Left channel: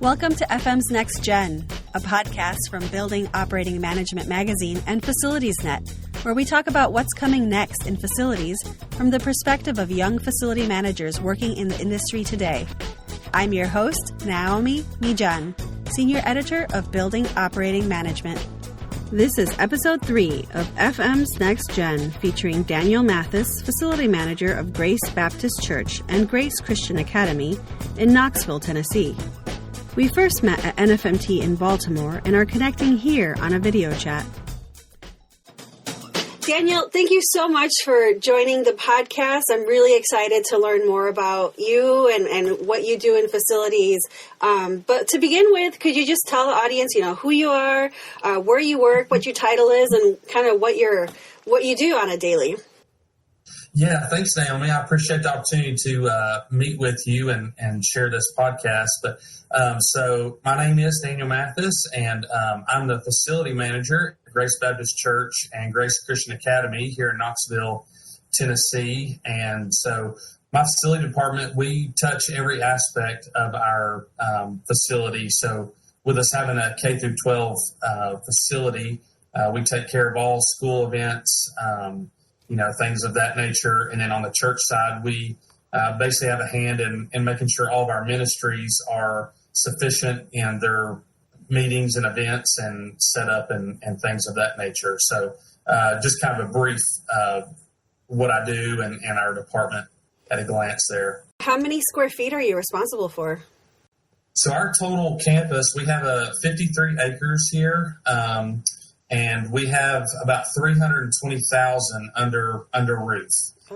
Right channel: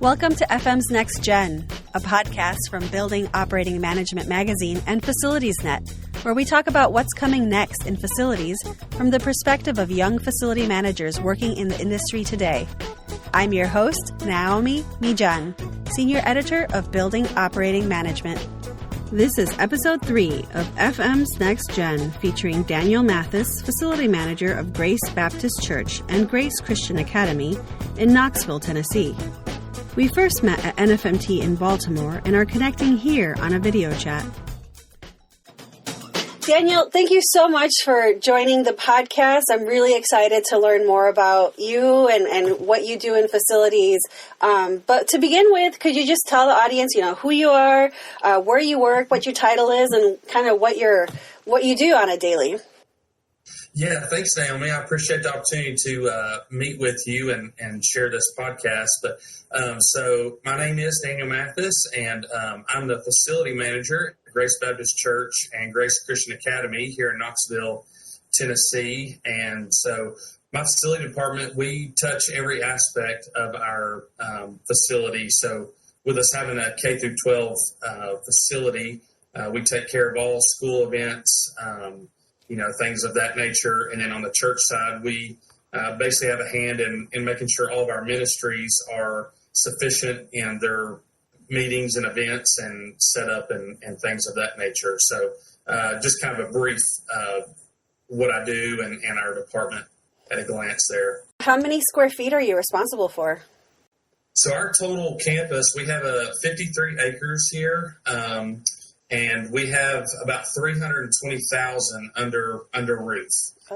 Welcome to FM's Next Gen, a podcast from Building Operating Management Magazine and FacilitiesNet, where we talk about what's coming next in facilities from the perspective of young facility managers working in the industry today. I'm your host, Naomi Mijan, Senior Editor of Building Operating Management. This is Episode 3 of FM's Next Gen, featuring Daniel Mathis, Facility Manager of Grace Baptist Church and Grace Christian Academy in Knoxville, Tennessee. We first met at NFMT in Baltimore and are connecting here on a video chat. Daniel, thank you so much for joining the podcast. I'm really excited to learn more about you and what you do in facilities. But to begin with, could you just tell the audience, who you are, where you work, what your title is, and kind of what you do on a daily? Yeah, thanks, Naomi. I appreciate the opportunity to meet with you and share this podcast. So my name is Daniel Mathis, and I'm the facility manager at Grace Baptist Church and Grace Christian Academy here in Knoxville, Tennessee. And so my facility department, we touch every aspect of our facility. So with us having a K through 12 facility, we take care of all school events, things of that nature. And then on the church side, we basically have a hand in making sure all of our ministries are sufficient in their meetings and events and setup and things of that nature. So just kind of a brief what I do and our department at a glance there. How many square feet are you responsible for? So our total campus, we have 53 acres here. And we have about 320,000 under roof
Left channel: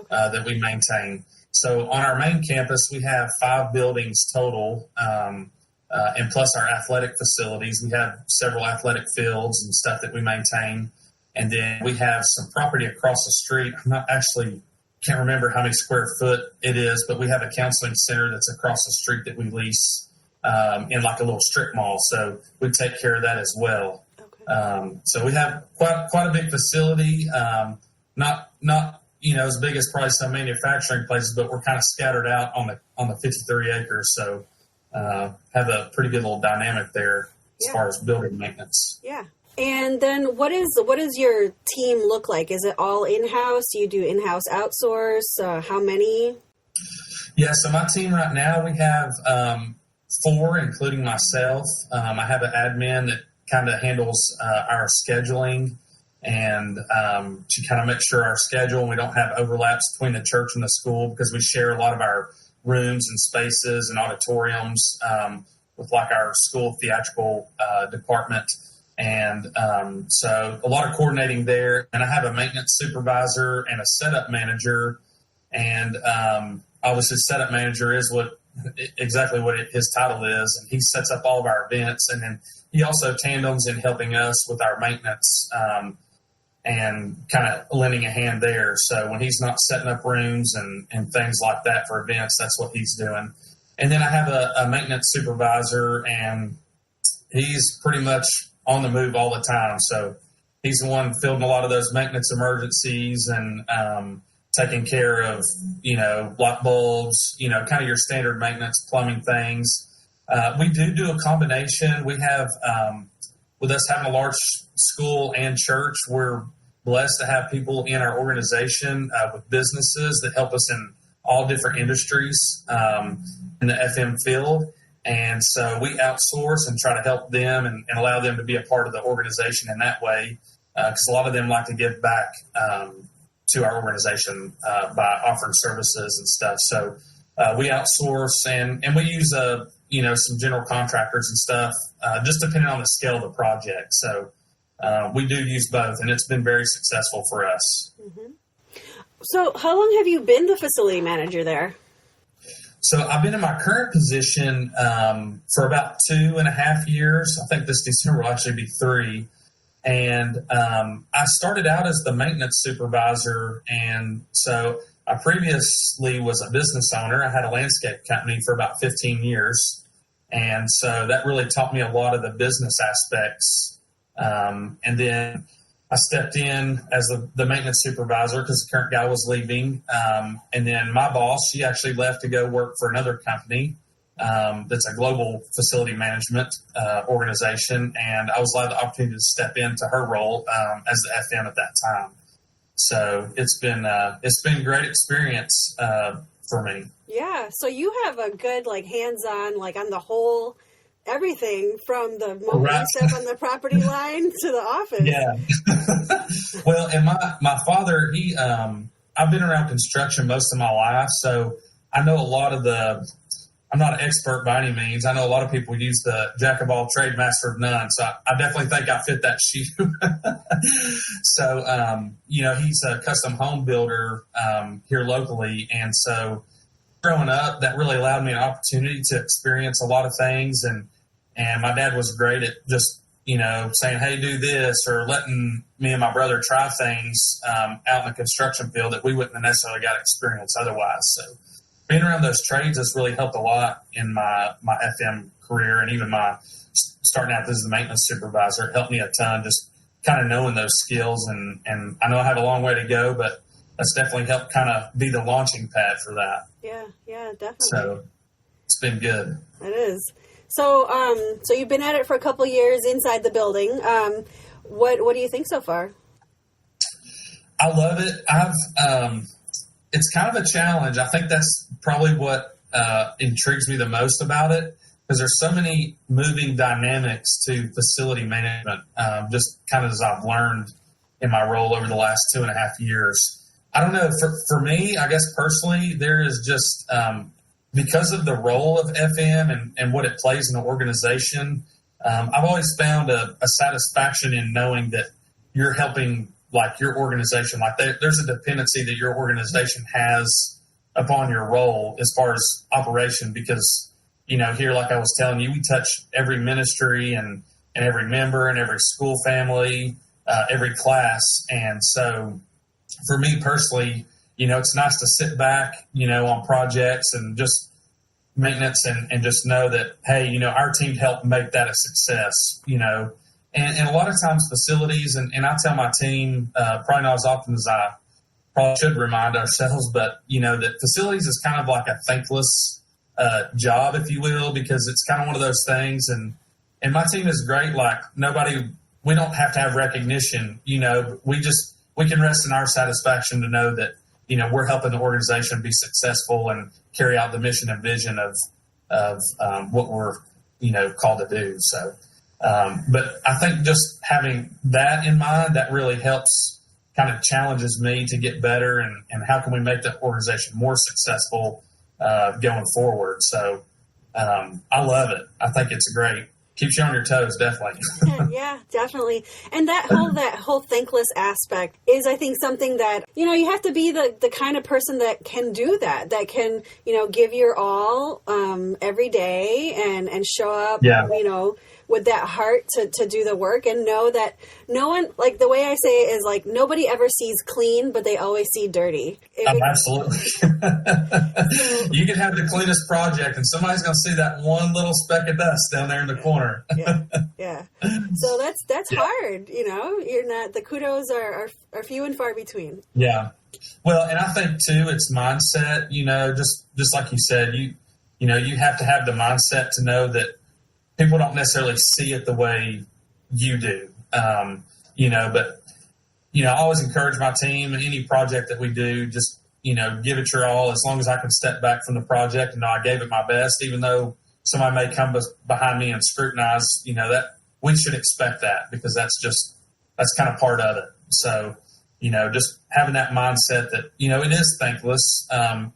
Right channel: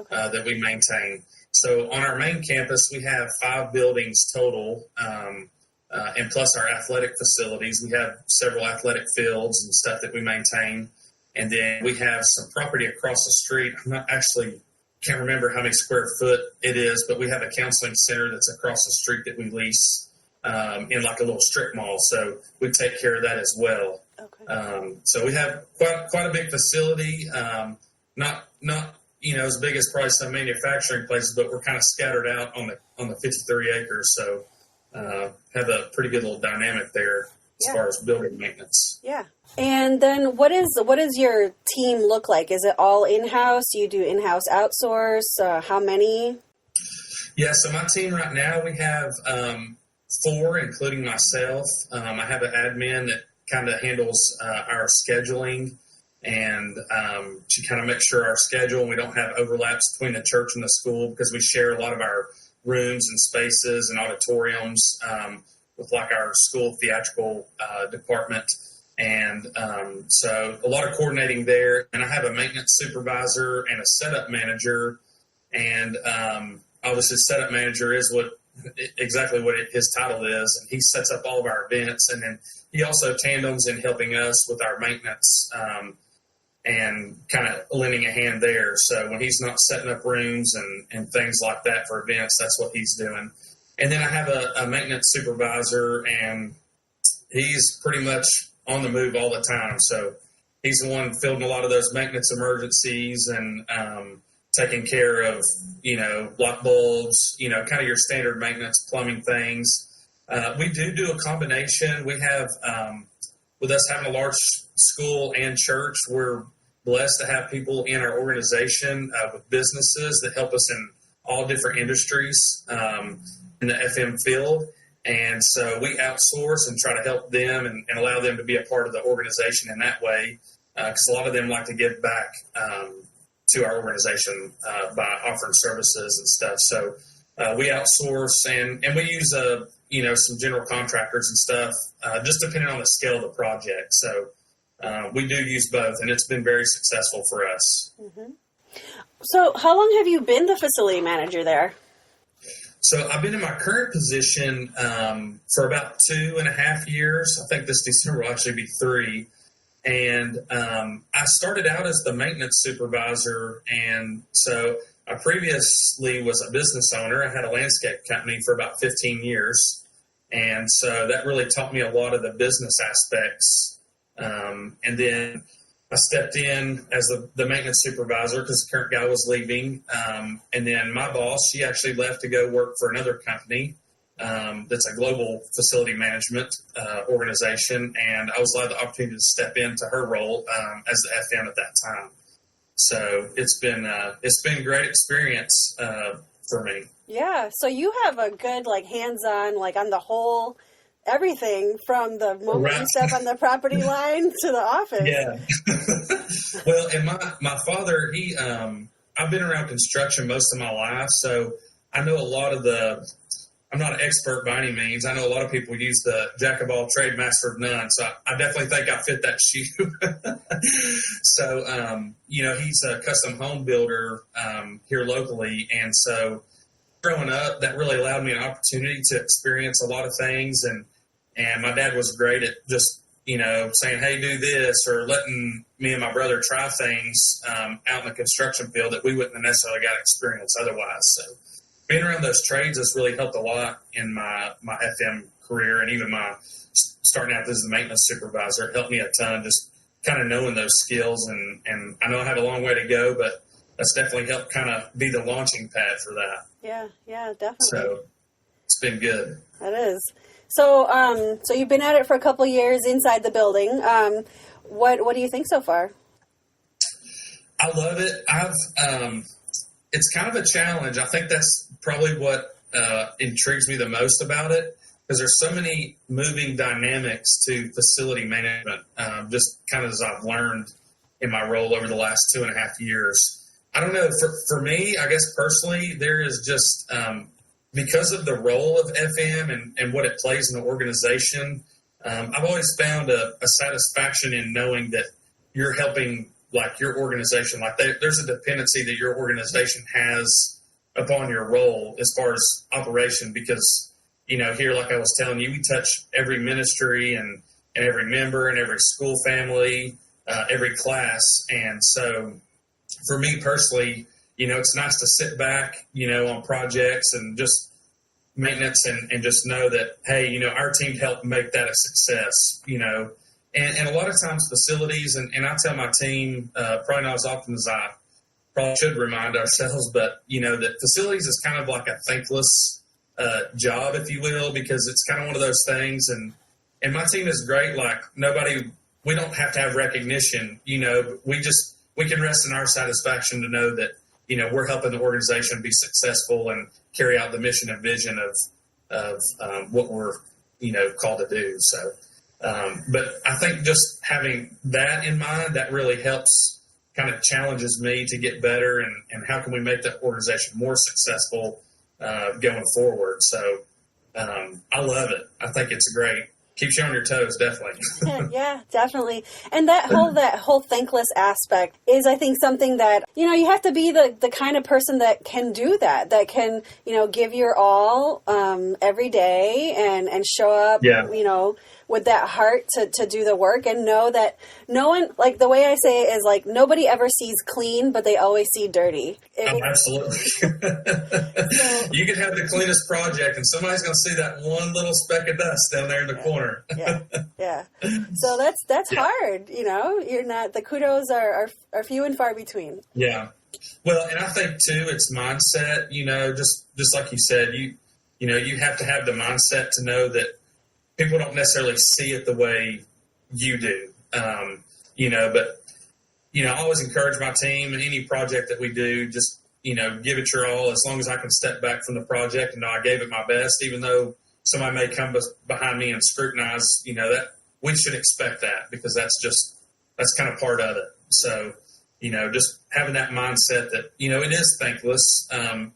that we maintain. So on our main campus, we have 5 buildings total, and plus our athletic facilities. We have several athletic fields and stuff that we maintain. And then we have some property across the street. Can't remember how many square foot it is, but we have a counseling center that's across the street that we lease in like a little strip mall. So we take care of that as well. So we have quite a big facility, not as big as probably some manufacturing places, but we're kind of scattered out on the 53 acres. So have a pretty good little dynamic there as far as building maintenance. Yeah. And then what does your team look like? Is it all in-house? Do you do in-house outsource? How many? Yeah. So my team right now, we have 4, including myself. I have an admin that kind of handles our scheduling and to kind of make sure our schedule, we don't have overlaps between the church and the school, because we share a lot of our rooms and spaces and auditoriums with like our school theatrical department. And so a lot of coordinating there. And I have a maintenance supervisor and a setup manager. And obviously setup manager is exactly what his title is. And he sets up all of our events, and then he also tandems in helping us with our maintenance and kind of lending a hand there. So when he's not setting up rooms and things like that for events, that's what he's doing. And then I have a maintenance supervisor, and he's pretty much on the move all the time. So he's the one fielding a lot of those maintenance emergencies and taking care of, light bulbs, kind of your standard maintenance plumbing things. We do a combination. We have, with us having a large school and church, we're blessed to have people in our organization with businesses that help us in all different industries in the FM field. And so we outsource and try to help them and allow them to be a part of the organization in that way, because a lot of them like to give back to our organization by offering services and stuff. So we outsource and we use some general contractors and stuff, just depending on the scale of the project. So we do use both, and it's been very successful for us. Mm-hmm. So how long have you been the facility manager there? So I've been in my current position for about 2.5 years. I think this December will actually be 3. And I started out as the maintenance supervisor, and so I previously was a business owner. I had a landscape company for about 15 years, and so that really taught me a lot of the business aspects. And then I stepped in as the maintenance supervisor because the current guy was leaving, and then my boss, he actually left to go work for another company, that's a global facility management organization, and I was allowed the opportunity to step into her role as the FM at that time. So it's been a great experience for me. Yeah. So you have a good hands-on on the whole everything from the moment you step on the property line to the office. Yeah. Well, and my father, he I've been around construction most of my life, so I know a lot of I'm not an expert by any means. I know a lot of people use the jack of all trade, master of none. So I definitely think I fit that shoe. So, he's a custom home builder here locally. And so growing up, that really allowed me an opportunity to experience a lot of things. And my dad was great at just, saying, hey, do this, or letting me and my brother try things out in the construction field that we wouldn't have necessarily got experience otherwise. So being around those trades has really helped a lot in my FM career, and even my starting out as the maintenance supervisor. It helped me a ton, just kind of knowing those skills. And I know I had a long way to go, but that's definitely helped kind of be the launching pad for that. Yeah, definitely. So it's been good. It is. So, so you've been at it for a couple years inside the building. What do you think so far? I love it. It's kind of a challenge. I think that's probably what intrigues me the most about it, because there's so many moving dynamics to facility management, just kind of as I've learned in my role over the last 2.5 years. I don't know. For me, I guess personally, there is just because of the role of FM and what it plays in the organization, I've always found a satisfaction in knowing that you're helping your organization, there's a dependency that your organization has upon your role as far as operation, because, here, like I was telling you, we touch every ministry and every member and every school family, every class. And so for me personally, it's nice to sit back, on projects and just maintenance and just know that, hey, our team helped make that a success, And a lot of times facilities, and I tell my team, probably not as often as I probably should remind ourselves, but, that facilities is kind of like a thankless job, if you will, because it's kind of one of those things. And my team is great. We don't have to have recognition, we can rest in our satisfaction to know that, we're helping the organization be successful and carry out the mission and vision of what we're, called to do. So. But I think just having that in mind, that really helps, kind of challenges me to get better and how can we make that organization more successful going forward. So I love it. I think it's great. Keeps you on your toes, definitely. Yeah, definitely. And that whole thankless aspect is, I think, something that, you have to be the kind of person that can do that can, give your all every day and show up, with that heart to do the work, and know that no one, the way I say it is nobody ever sees clean, but they always see dirty. Absolutely. You can have the cleanest project and somebody's going to see that one little speck of dust down there in the corner. Yeah. So that's hard. You're not, the kudos are few and far between. Yeah. Well, and I think too, it's mindset, just like you said, you have to have the mindset to know that people don't necessarily see it the way you do, but, I always encourage my team in any project that we do, just, give it your all, as long as I can step back from the project and know I gave it my best, even though somebody may come behind me and scrutinize, that we should expect that, because that's kind of part of it. So, just having that mindset that, it is thankless,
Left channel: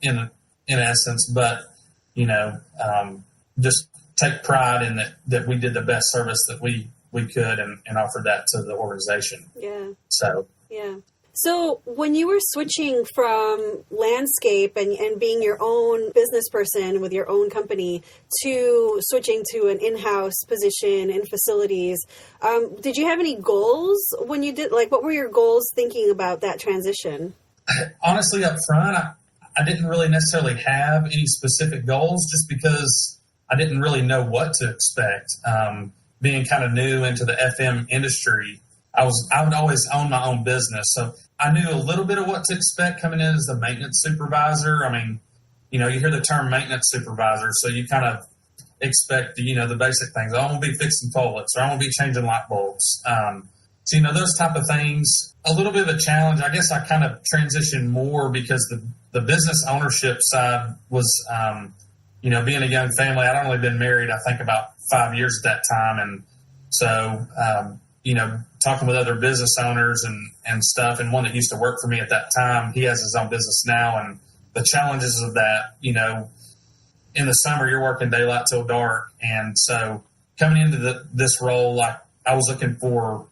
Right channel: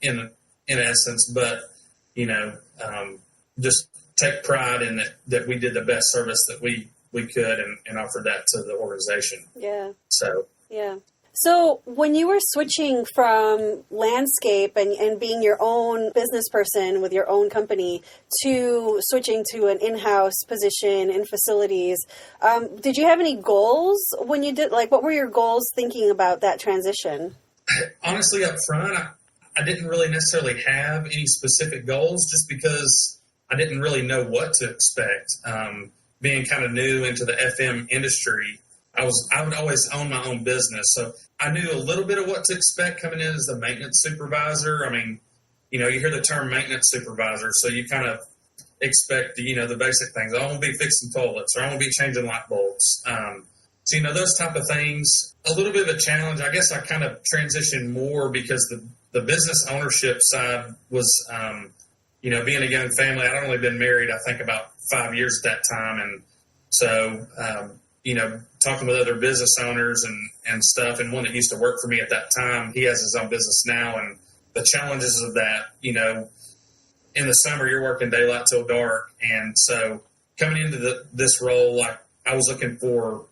in essence, but, just take pride in it, that we did the best service that we could and offered that to the organization. Yeah. So. Yeah. So when you were switching from landscape and being your own business person with your own company to switching to an in-house position in facilities, did you have any goals when you did, what were your goals thinking about that transition? Honestly, up front, I didn't really necessarily have any specific goals, just because I didn't really know what to expect. Being kind of new into the FM industry, I would always own my own business. So I knew a little bit of what to expect coming in as the maintenance supervisor. I mean, you hear the term maintenance supervisor, so you kind of expect, the basic things. I want to be fixing toilets, or I want to be changing light bulbs. So, those type of things, a little bit of a challenge. I guess I kind of transitioned more because the business ownership side was, being a young family. I'd only been married, I think, about 5 years at that time. And so, talking with other business owners and stuff, and one that used to work for me at that time, he has his own business now. And the challenges of that, in the summer, you're working daylight till dark. And so coming into this role, like, I was looking for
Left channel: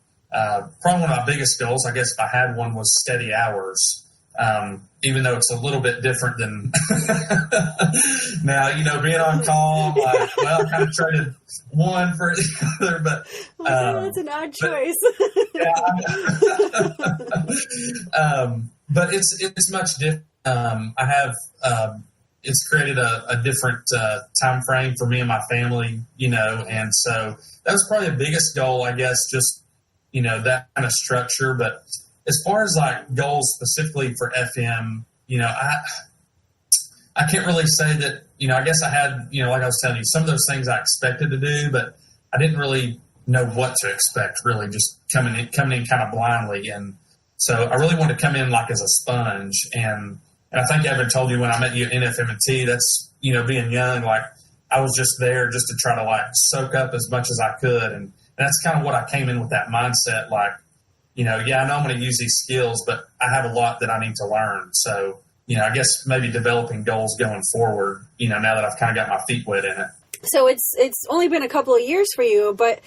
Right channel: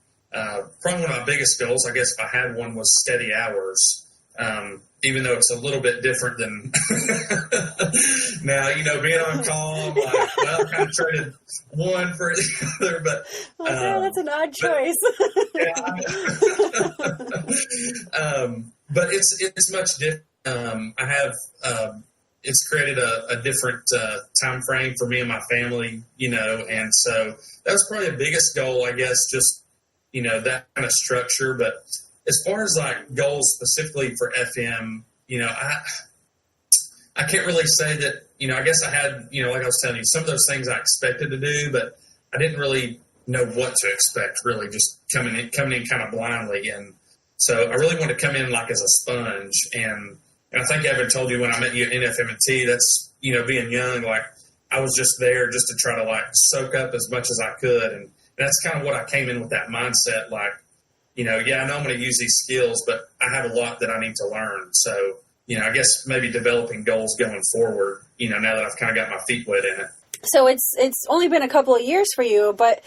probably one of my biggest goals, I guess, if I had one, was steady hours. Even though it's a little bit different than now, being on call, I kind of traded one for the other, but that's an odd choice. But it's much different. I have it's created a different time frame for me and my family, and so that was probably the biggest goal, I guess, just that kind of structure. But as far as like goals specifically for FM, I can't really say that, I guess I had, like I was telling you, some of those things I expected to do, but I didn't really know what to expect, really, just coming in kind of blindly. And so I really wanted to come in like as a sponge. And I think I ever told you when I met you at NFM&T, that's, being young, like I was just there just to try to like soak up as much as I could. And that's kind of what I came in with, that mindset, like, I know I'm going to use these skills, but I have a lot that I need to learn. So, I guess maybe developing goals going forward, now that I've kind of got my feet wet in it. So it's only been a couple of years for you, but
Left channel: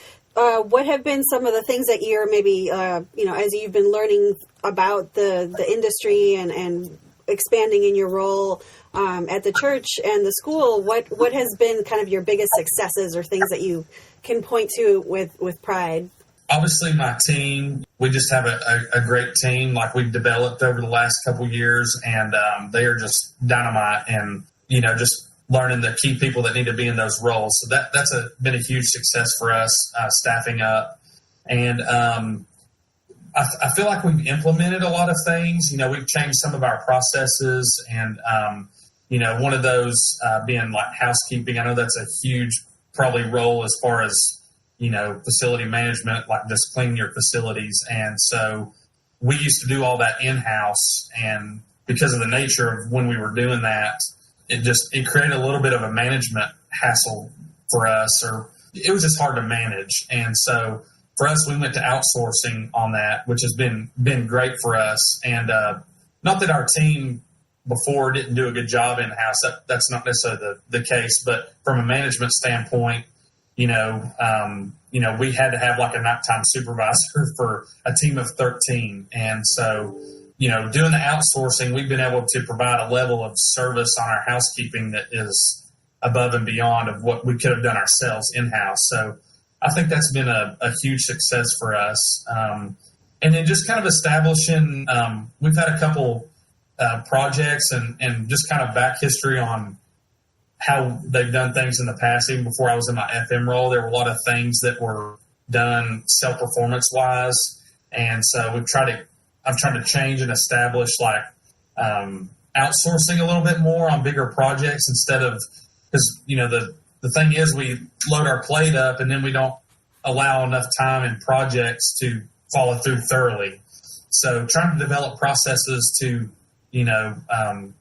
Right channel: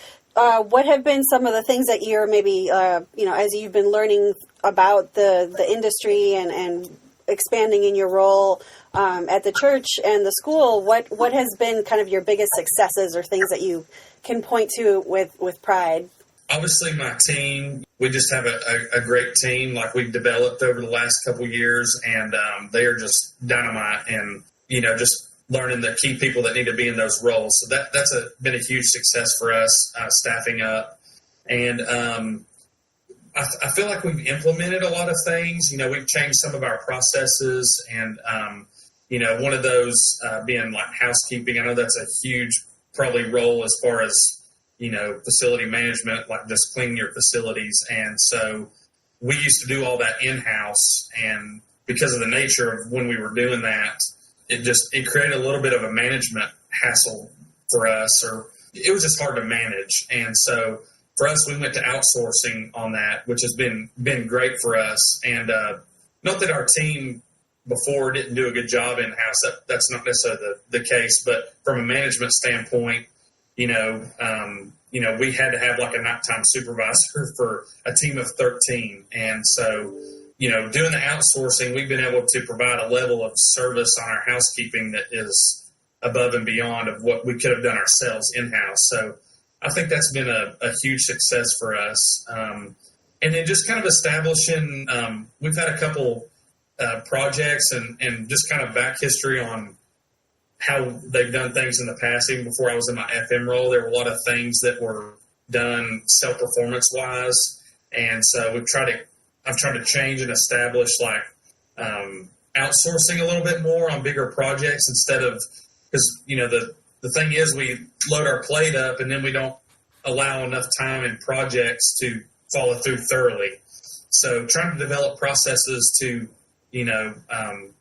what have been some of the things that you're maybe, as you've been learning about the industry and expanding in your role at the church and the school, what has been kind of your biggest successes or things that you can point to with pride? Obviously, my team, we just have a great team like we've developed over the last couple of years, and they are just dynamite, and, just learning the key people that need to be in those roles. So that's been a huge success for us, staffing up. And I feel like we've implemented a lot of things. We've changed some of our processes, and, one of those being like housekeeping. I know that's a huge probably role as far as, facility management, like just cleaning your facilities. And so we used to do all that in-house, and because of the nature of when we were doing that, it created a little bit of a management hassle for us, or it was just hard to manage. And so for us, we went to outsourcing on that, which has been great for us. And not that our team before didn't do a good job in-house, that's not necessarily the case, but from a management standpoint, we had to have like a nighttime supervisor for a team of 13. And so, doing the outsourcing, we've been able to provide a level of service on our housekeeping that is above and beyond of what we could have done ourselves in-house. So I think that's been a huge success for us. And then just kind of establishing, we've had a couple projects and just kind of back history on how they've done things in the past. Even before I was in my FM role, there were a lot of things that were done self-performance wise. And so I've tried to change and establish like outsourcing a little bit more on bigger projects instead of, because, the thing is we load our plate up and then we don't allow enough time in projects to follow through thoroughly. So trying to develop processes to,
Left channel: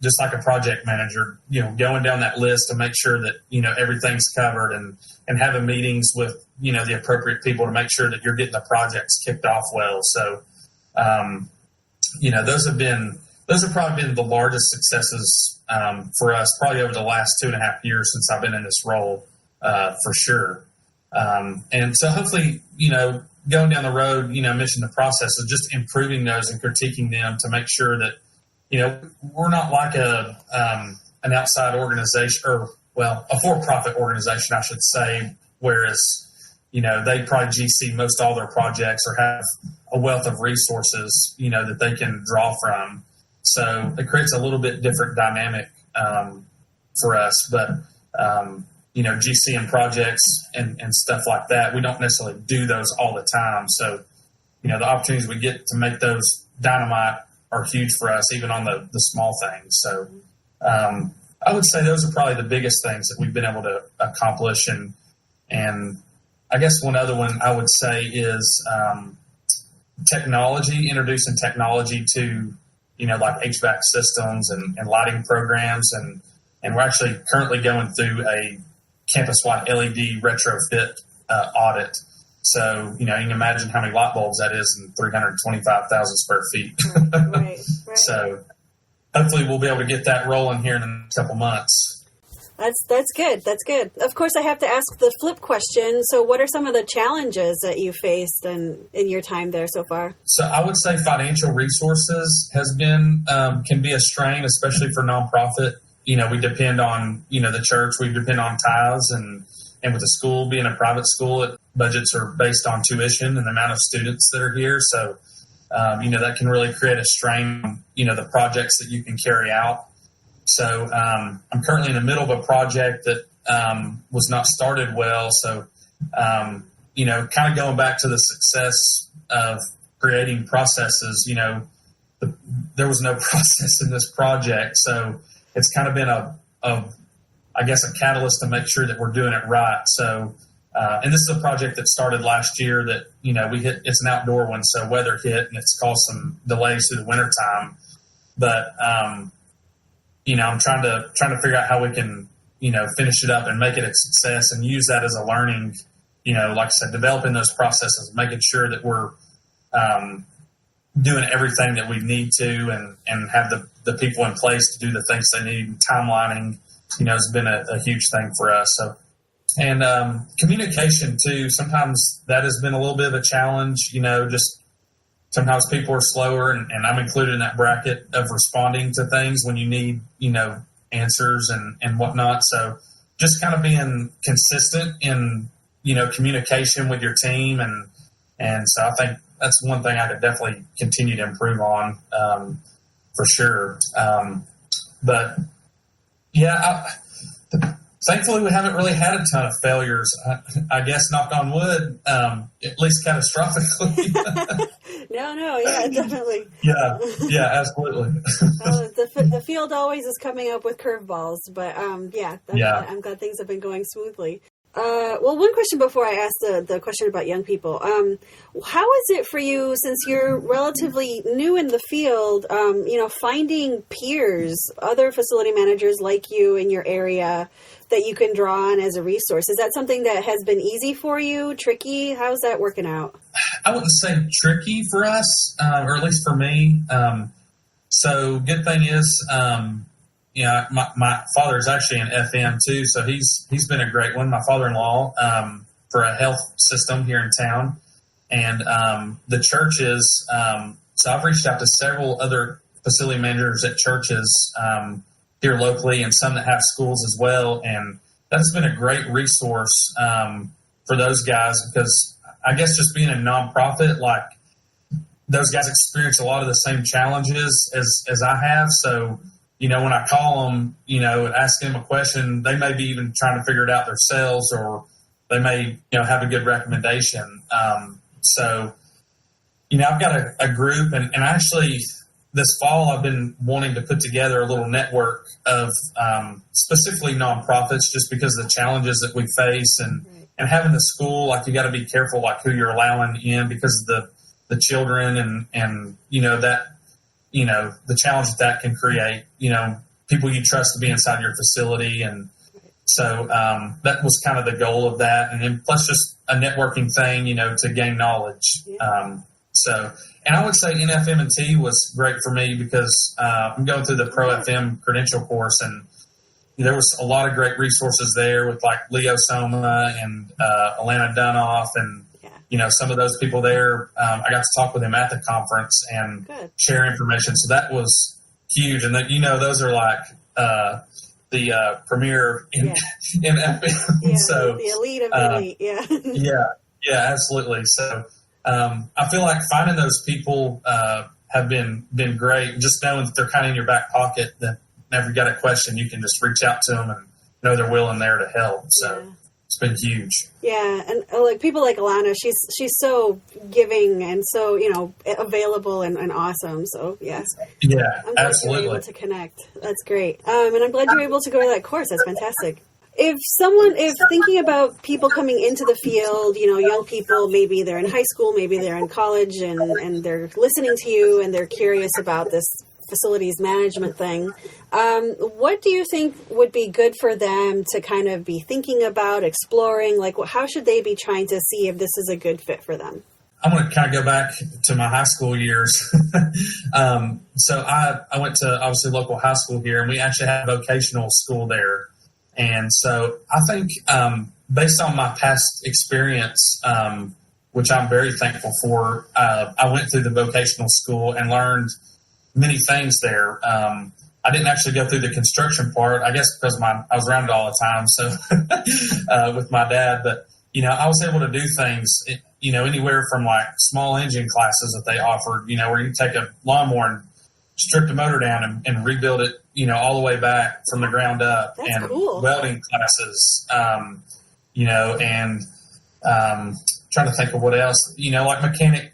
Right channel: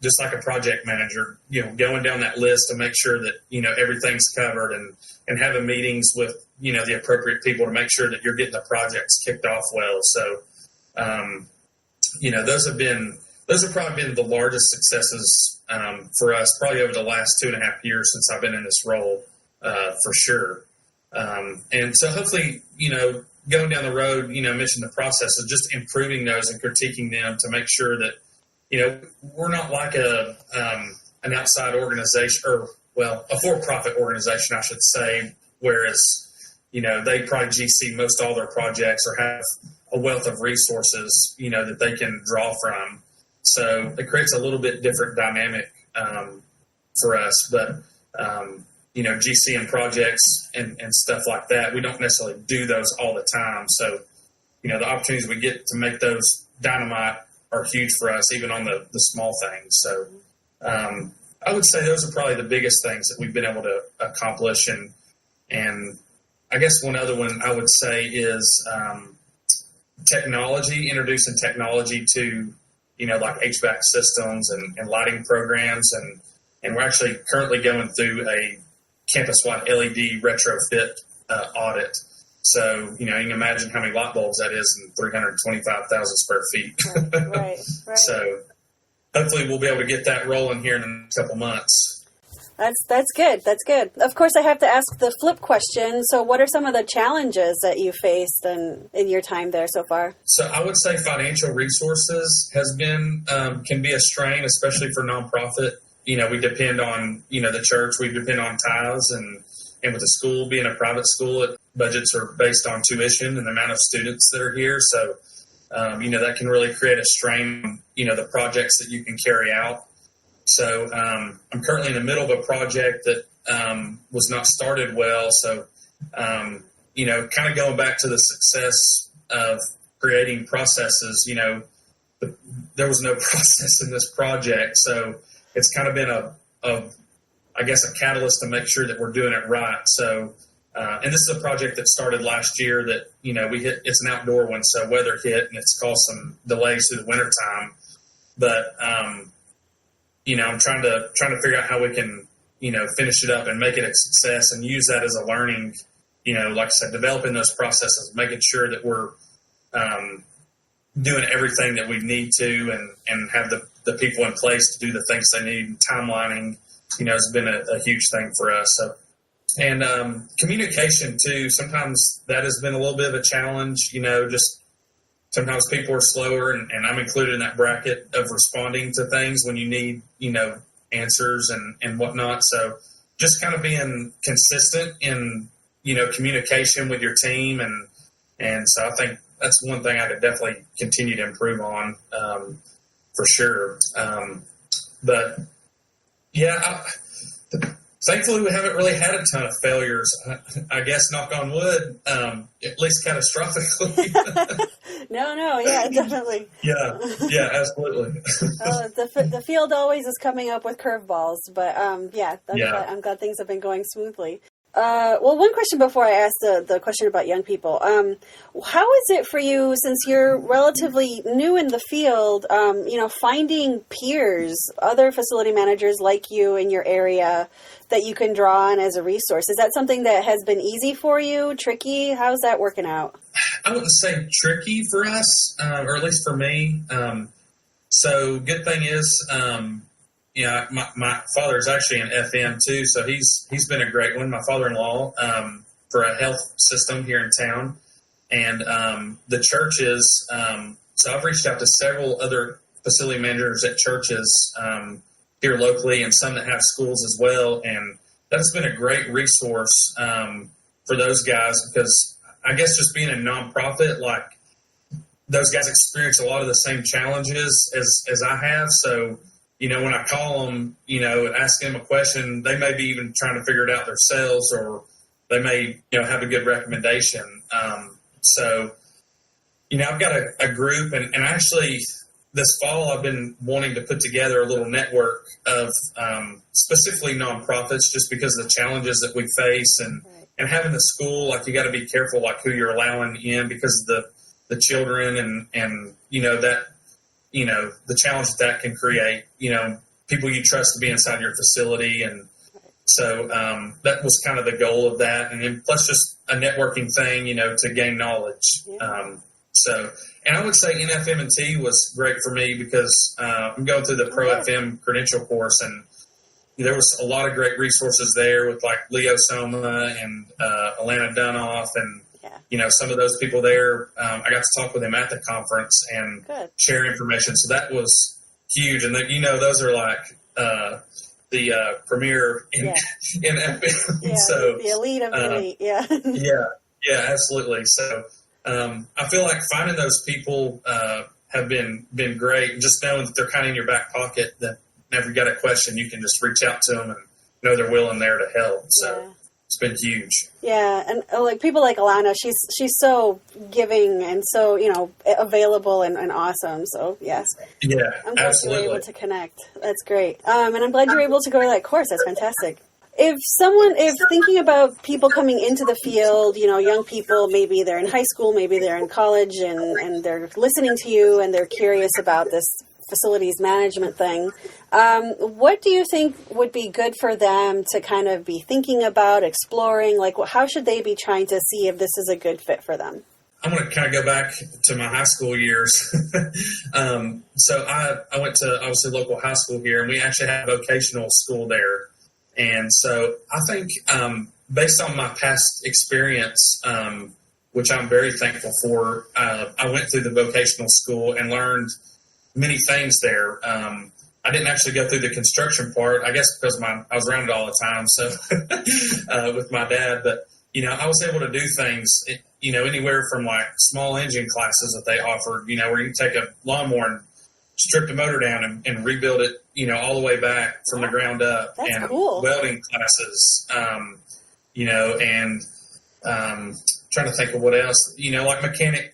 just like a project manager, going down that list to make sure that, everything's covered and having meetings with, the appropriate people to make sure that you're getting the projects kicked off well. So, those have probably been the largest successes for us probably over the last 2.5 years since I've been in this role, for sure. And so hopefully, going down the road, mention the process of just improving those and critiquing them to make sure that, we're not like an outside organization or, a for-profit organization, I should say, whereas, they probably GC most all their projects or have a wealth of resources, that they can draw from. So it creates a little bit different dynamic for us. But, GCing projects and stuff like that, we don't necessarily do those all the time. So, the opportunities we get to make those dynamite are huge for us, even on the small things. So I would say those are probably the biggest things that we've been able to accomplish. And I guess one other one I would say is technology, introducing technology to, like HVAC systems and lighting programs. And we're actually currently going through a campus-wide LED retrofit audit. So, you can imagine how many light bulbs that is in 325,000 square feet. Right. So hopefully we'll be able to get that rolling here in the next couple months. That's good. That's good. Of course, I have to ask the flip question. So what are some of the challenges that you faced in your time there so far? So I would say financial resources can be a strain, especially for nonprofit. We depend on, the church, we depend on tithes, and with the school being a private school, budgets are based on tuition and the amount of students that are here. So, that can really create a strain on, the projects that you can carry out. So I'm currently in the middle of a project that was not started well. So, kind of going back to the success of creating processes, there was no process in this project. So it's kind of been a catalyst to make sure that we're doing it right. So, and this is a project that started last year that, it's an outdoor one. So weather hit and it's caused some delays through the winter time. But, I'm trying to figure out how we can, finish it up and make it a success and use that as a learning, like I said, developing those processes, making sure that we're doing everything that we need to and have the people in place to do the things they need. Timelining, has been a huge thing for us. So, and communication too, sometimes that has been a little bit of a challenge, just sometimes people are slower, and I'm included in that bracket of responding to things when you need, answers and whatnot. So just kind of being consistent in, communication with your team. And so I think that's one thing I could definitely continue to improve on, for sure. But yeah, thankfully we haven't really had a ton of failures. I guess, knock on wood, at least catastrophically. No, yeah, definitely. Yeah, absolutely. The field always is coming up with curveballs, but I'm glad things have been going smoothly. Well, one question before I ask the question about young people. How is it for you, since you're relatively new in the field, finding peers, other facility managers like you in your area that you can draw on as a resource? Is that something that has been easy for you, tricky? How's that working out? I wouldn't say tricky for us, or at least for me. So good thing is, my father is actually an FM too, so he's been a great one. My father-in-law, for a health system here in town, and the churches. So I've reached out to several other facility managers at churches here locally, and some that have schools as well. And that's been a great resource for those guys, because I guess just being a nonprofit, like, those guys experience a lot of the same challenges as I have. So, when I call them, ask them a question, they may be even trying to figure it out themselves, or they may, have a good recommendation. So, I've got a group, and actually this fall I've been wanting to put together a little network of specifically nonprofits, just because of the challenges that we face, and having the school, like, you got to be careful, like, who you're allowing in, because of the children and that, the challenge that can create, people you trust to be inside your facility. And so that was kind of the goal of that. And then plus just a networking thing, to gain knowledge. And I would say NFM&T was great for me, because I'm going through the Pro FM credential course, and there was a lot of great resources there with, like, Leo Soma and Alana Dunoff, and some of those people there. I got to talk with them at the conference and share information. So that was huge. And those are like the premier in FM. Yeah, so the elite of the elite. Yeah, absolutely. So I feel like finding those people have been great. And just knowing that they're kind of in your back pocket, that whenever you got a question, you can just reach out to them and know they're willing there to help. So. it's been huge. Yeah, and like people like Alana, she's so giving and so, you know, available and awesome. So yes, Yeah, I'm glad you were able to connect. That's great. And I'm glad you were able to go to that course. That's fantastic. If thinking about people coming into the field, you know, young people, maybe they're in high school, maybe they're in college, and they're listening to you and they're curious about this facilities management thing, what do you think would be good for them to kind of be thinking about, exploring? Like, how should they be trying to see if this is a good fit for them? I'm going to kind of go back to my high school years. So I went to, obviously, local high school here, and we actually had a vocational school there. And so I think based on my past experience, which I'm very thankful for, I went through the vocational school and learned many things there. I didn't actually go through the construction part, I guess because I was around it all the time, so with my dad. But, you know, I was able to do things, you know, anywhere from like small engine classes that they offered, you know, where you take a lawnmower and strip the motor down and rebuild it, you know, all the way back from the ground up. That's and cool. Welding classes, you know, and trying to think of what else, you know, like mechanic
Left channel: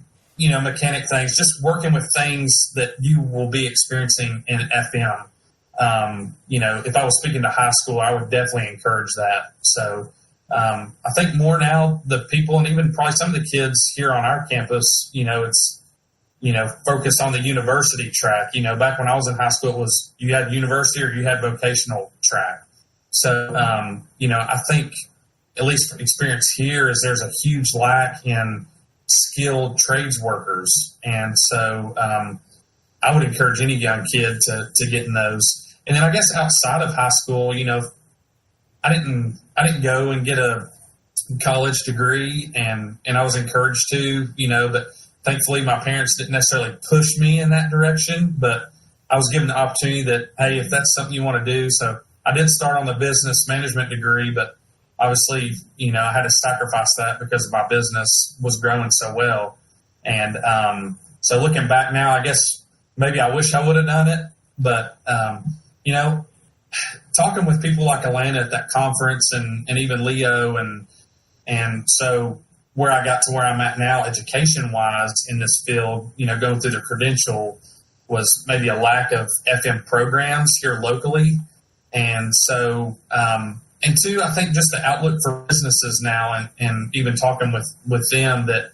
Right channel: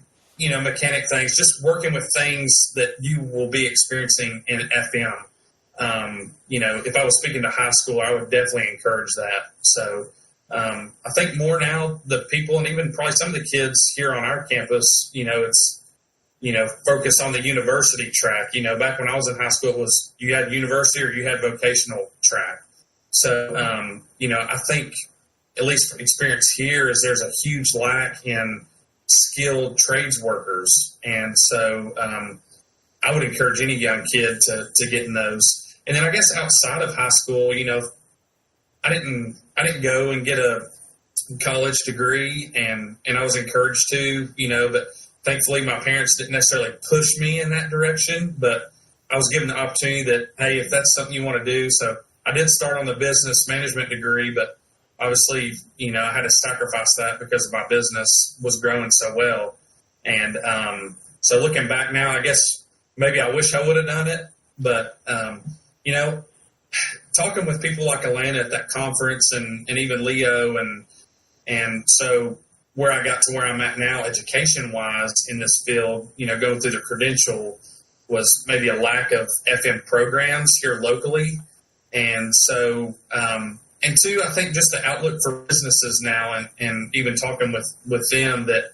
things, just working with things that you will be experiencing in FM. You know, if I was speaking to high school, I would definitely encourage that. So I think more now the people, and even probably some of the kids here on our campus, you know, it's, you know, focus on the university track. You know, back when I was in high school, it was you had university or you had vocational track. So, you know, I think at least experience here is there's a huge lack in skilled trades workers. And so I would encourage any young kid to get in those. And then I guess outside of high school, you know, I didn't go and get a college degree, and I was encouraged to, you know, but thankfully my parents didn't necessarily push me in that direction, but I was given the opportunity that, hey, if that's something you want to do. So I did start on the business management degree, but obviously, you know, I had to sacrifice that because my business was growing so well. And so looking back now, I guess maybe I wish I would have done it. But, you know, talking with people like Alana at that conference and even Leo and so where I got to where I'm at now education-wise in this field, you know, going through the credential was maybe a lack of FM programs here locally. And so and two, I think just the outlook for businesses now and even talking with them that,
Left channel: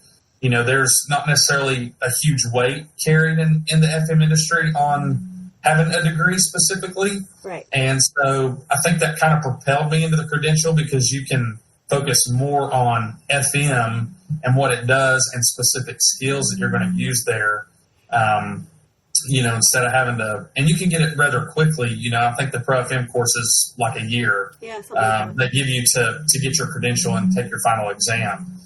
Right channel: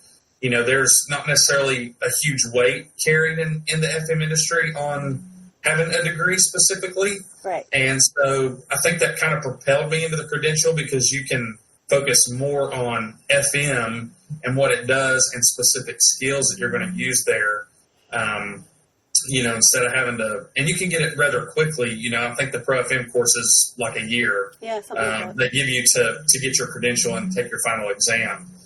you know, there's not necessarily a huge weight carried in the FM industry on having a degree specifically. Right. And so I think that kind of propelled me into the credential because you can focus more on FM and what it does and specific skills that you're going to use there. You know, instead of having to, and you can get it rather quickly. You know, I think the Pro FM course is like a year. Yeah, something like that. They give you to get your credential and take your final exam.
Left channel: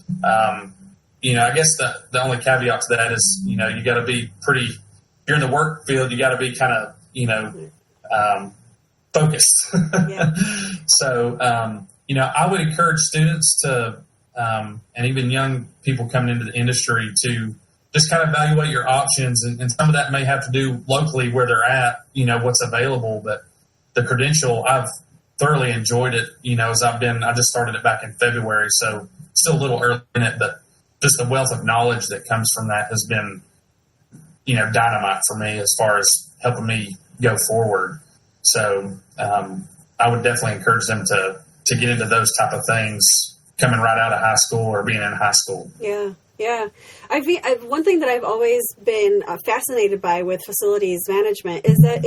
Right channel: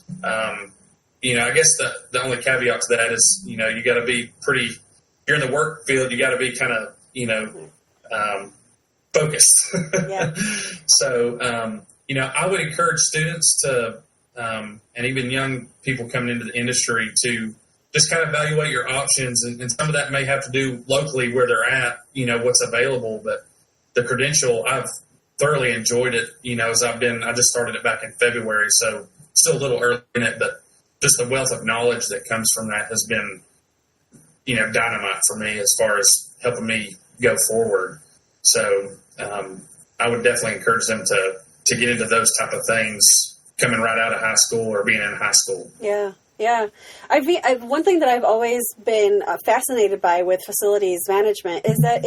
You know, I guess the only caveat to that is, you know, you got to be pretty, you're in the work field, you got to be kind of, you know, focused. Yeah. So, you know, I would encourage students to, and even young people coming into the industry to just kind of evaluate your options. And some of that may have to do locally where they're at, you know, what's available. But the credential, I've thoroughly enjoyed it, you know, I just started it back in February. So still a little early in it, but just the wealth of knowledge that comes from that has been, you know, dynamite for me as far as helping me go forward. So I would definitely encourage them to get into those type of things coming right out of high school or being in high school. Yeah. Yeah. One thing that I've always been fascinated by with facilities management is that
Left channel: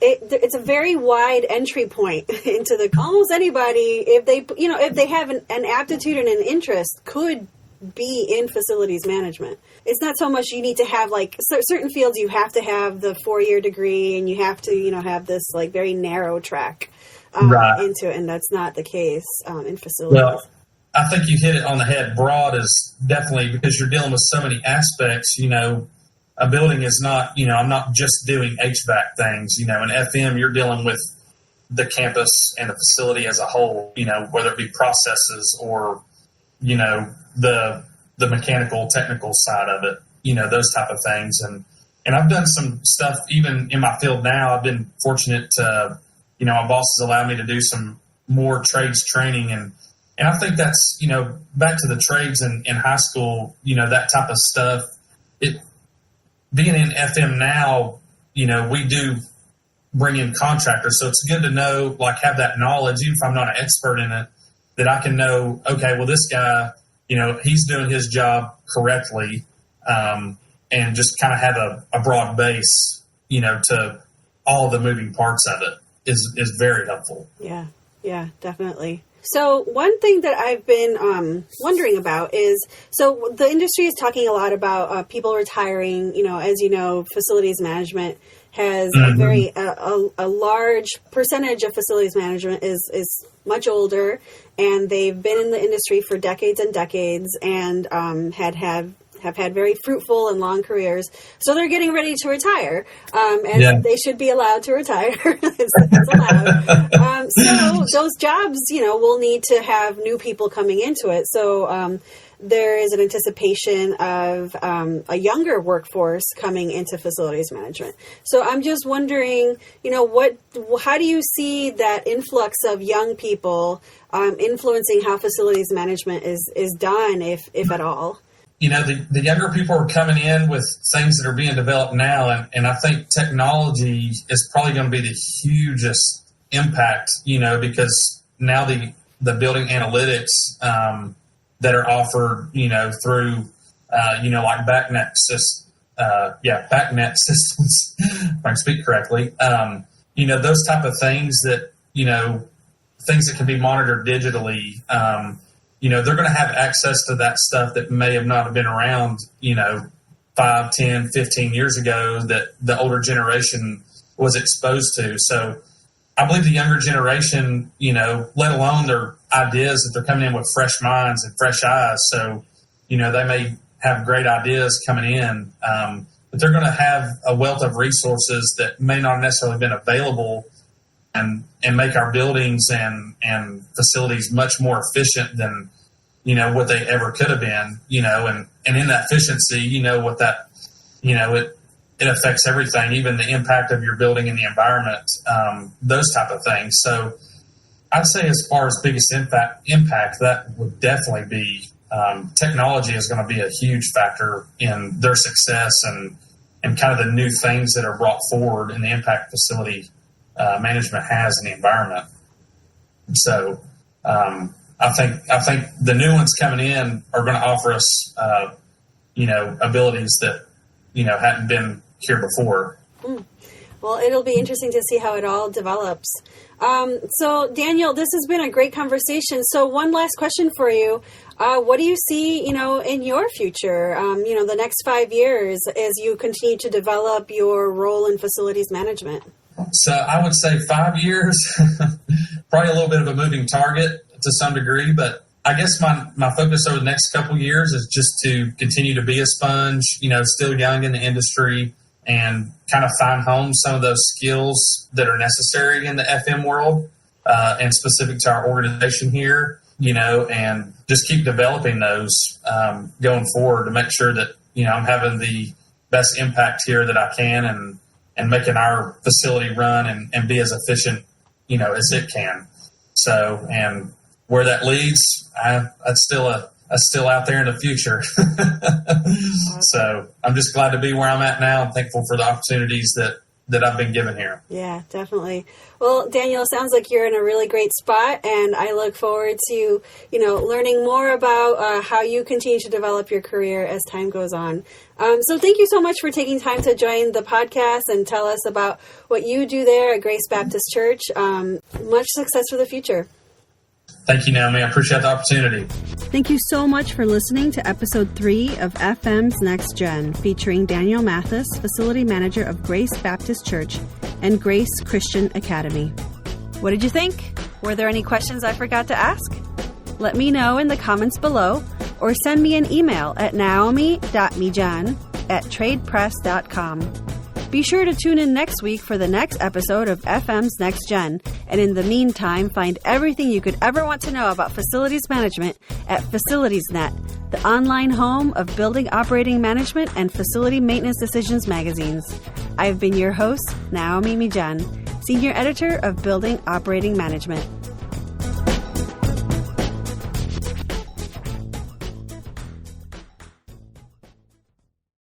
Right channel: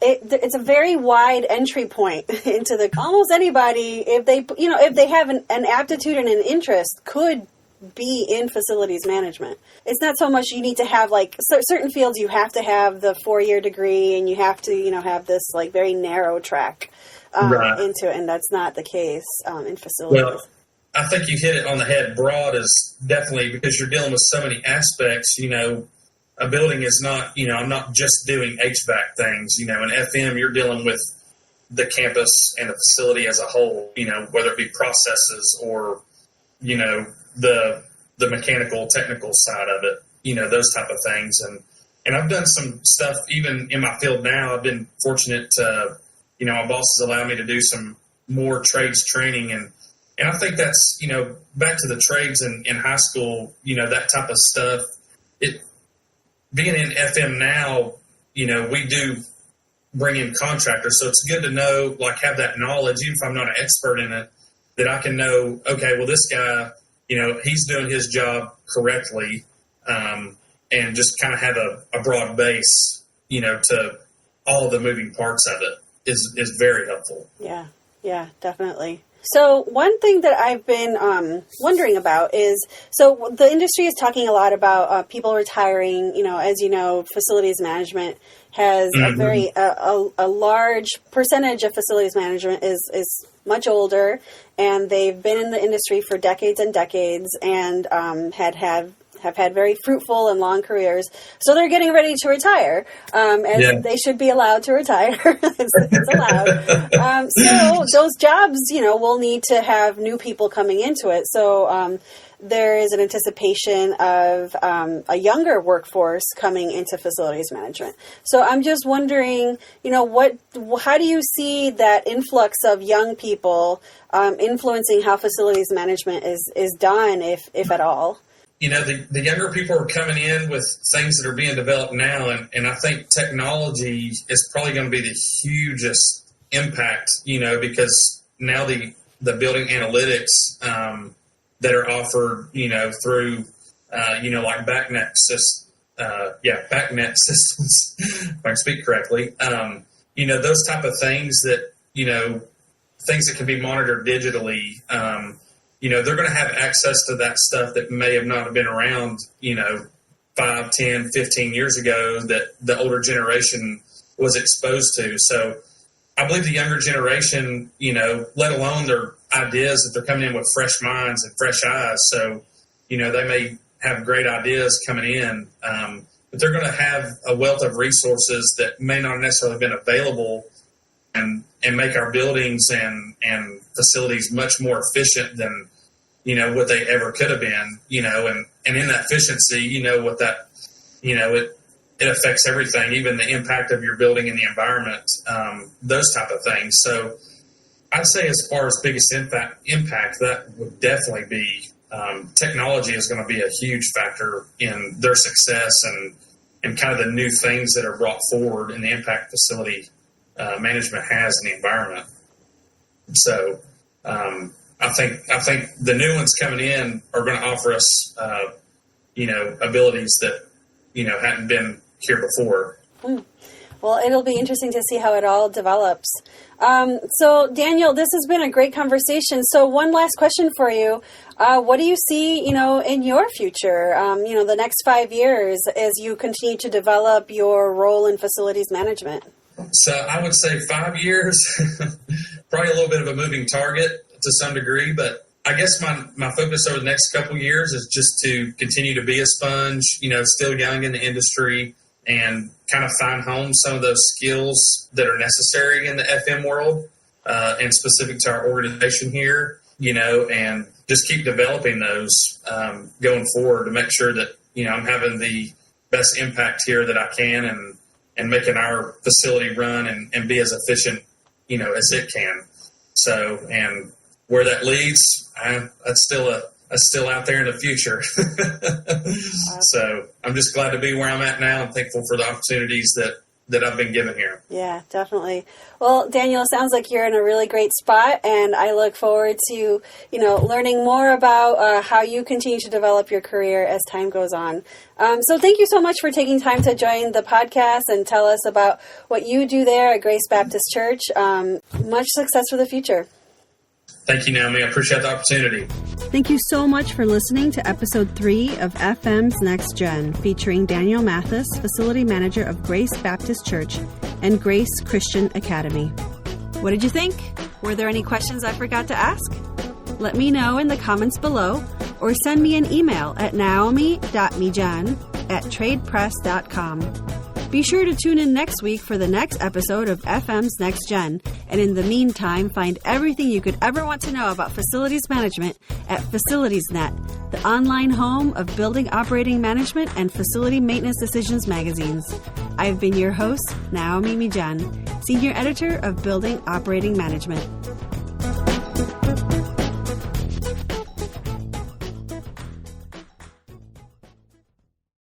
it's a very wide entry point into almost anybody, if they have an aptitude and an interest, could be in facilities management. It's not so much you need to have like certain fields you have to have the 4-year degree and you have to, you know, have this like very narrow track right. into it, and that's not the case in facilities. Well, I think you hit it on the head. Broad is definitely, because you're dealing with so many aspects. You know, a building is not, you know, I'm not just doing HVAC things. You know, in FM, you're dealing with the campus and the facility as a whole, you know, whether it be processes or, you know, the mechanical, technical side of it, you know, those type of things. And I've done some stuff even in my field now. I've been fortunate to, you know, my boss has allowed me to do some more trades training, and And I think that's, back to the trades in high school, that type of stuff. Being in FM now, we do bring in contractors. So it's good to know, have that knowledge, even if I'm not an expert in it, that I can know, okay, well, this guy, he's doing his job correctly, and just kind of have a broad base, to all the moving parts of it is very helpful. Yeah, definitely. So one thing that I've been wondering about is, so the industry is talking a lot about people retiring. As you know, facilities management has a large percentage of facilities management is much older, and they've been in the industry for decades and decades, and have had very fruitful and long careers. So they're getting ready to retire, and they should be allowed to retire. it's allowed. So those jobs, will need to have new people coming into it. So there is an anticipation of a younger workforce coming into facilities management. So I'm just wondering, how do you see that influx of young people influencing how facilities management is done, if at all? The younger people are coming in with things that are being developed now, and I think technology is probably going to be the hugest impact, because now the building analytics that are offered, through, like BACnet systems, if I can speak correctly, those type of things that, things that can be monitored digitally, they're going to have access to that stuff that may have not been around, 5, 10, 15 years ago that the older generation was exposed to. So I believe the younger generation, let alone their ideas, that they're coming in with fresh minds and fresh eyes. So, they may have great ideas coming in, but they're going to have a wealth of resources that may not necessarily have been available and make our buildings and facilities much more efficient than, what they ever could have been, and in that efficiency, what that, it affects everything, even the impact of your building and the environment, those type of things. So I'd say as far as biggest impact, that would definitely be, technology is going to be a huge factor in their success and kind of the new things that are brought forward and the impact facility management has in the environment. So I think the new ones coming in are going to offer us, abilities that, hadn't been here before. Well, it'll be interesting to see how it all develops. So, Daniel, this has been a great conversation. So one last question for you. What do you see, in your future, the next 5 years as you continue to develop your role in facilities management? So I would say 5 years, probably a little bit of a moving target to some degree, but I guess my focus over the next couple of years is just to continue to be a sponge, still young in the industry, and kind of find home some of those skills that are necessary in the FM world, and specific to our organization here, and just keep developing those going forward to make sure that, I'm having the best impact here that I can and making our facility run and be as efficient, as it can. So, and where that leads, that's still out there in the future. So I'm just glad to be where I'm at now and thankful for the opportunities that I've been given here. Yeah, definitely. Well, Daniel, it sounds like you're in a really great spot, and I look forward to, learning more about how you continue to develop your career as time goes on. So thank you so much for taking time to join the podcast and tell us about what you do there at Grace Baptist Church. Much success for the future. Thank you, Naomi. I appreciate the opportunity. Thank you so much for listening to episode 3 of FM's Next Gen, featuring Daniel Mathis, facility manager of Grace Baptist Church and Grace Christian Academy. What did you think? Were there any questions I forgot to ask? Let me know in the comments below or send me an email at naomi.mijan@tradepress.com. Be sure to tune in next week for the next episode of FM's Next Gen. And in the meantime, find everything you could ever want to know about facilities management at FacilitiesNet, the online home of building operating management and facility maintenance decisions magazines. I've been your host, Naomi Mijan, Senior Editor of Building Operating Management.